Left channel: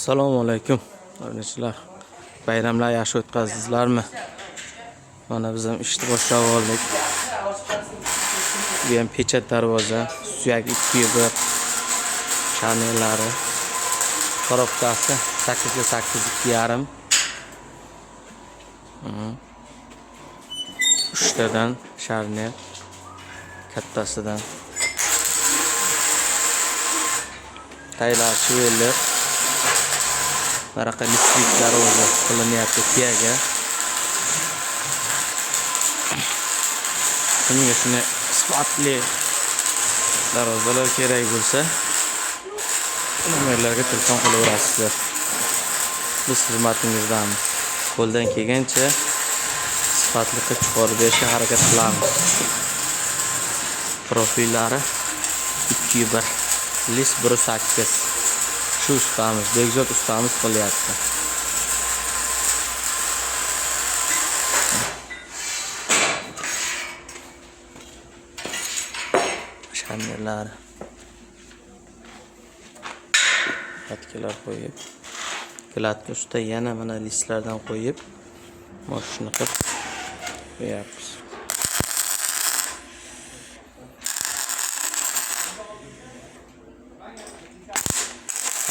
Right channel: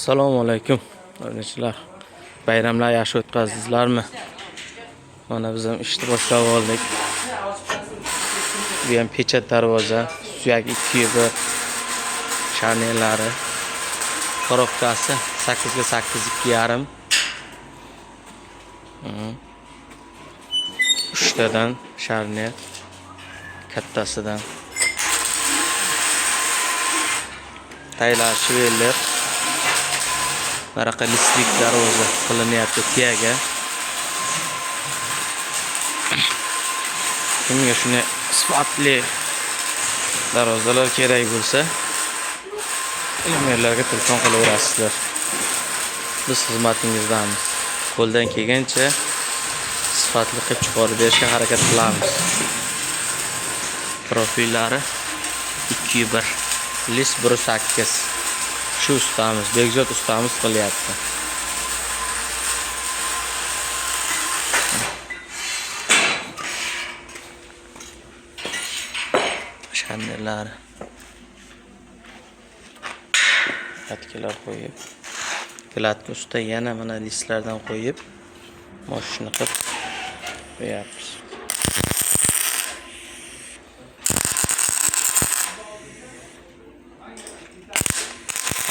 Assalomu alaykum. Qardoshlar, bayramlar yaxshi o'tkazdilaringmi? Mana biz ham ishni boshlab oldik. Bu ham pechat darvoza, suyak 2x1 sharnirlari. Korobkasi 8 ga 8 2,5. Uchtadan sharnir, kattasidan. Taylar chiveller. Maraqa listlik darvoza qilinyapti tiyaga. Kimga shuni sifatli darvozalar kerak bo'lsa, nomerlarga telefon qilaverasizlar. Biz xizmatingizdamiz. Qo'ldan kelgancha sifatli qilib chiqarib berishga harakat qilamiz. Profillari 2x1, list 1.8. Shu ustamiz, Bekzod ustamiz qilyapti. Sharnirlari. Patkalar qo'yib, platka usta yana mana listlardan qo'yib, mashina qilib qo'yapmiz.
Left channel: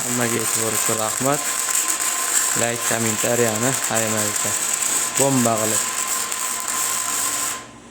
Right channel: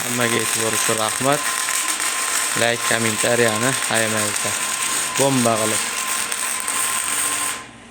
Hammaga e'tibor uchun rahmat. Like, kommentariyani ayamaylik. Bomba qilib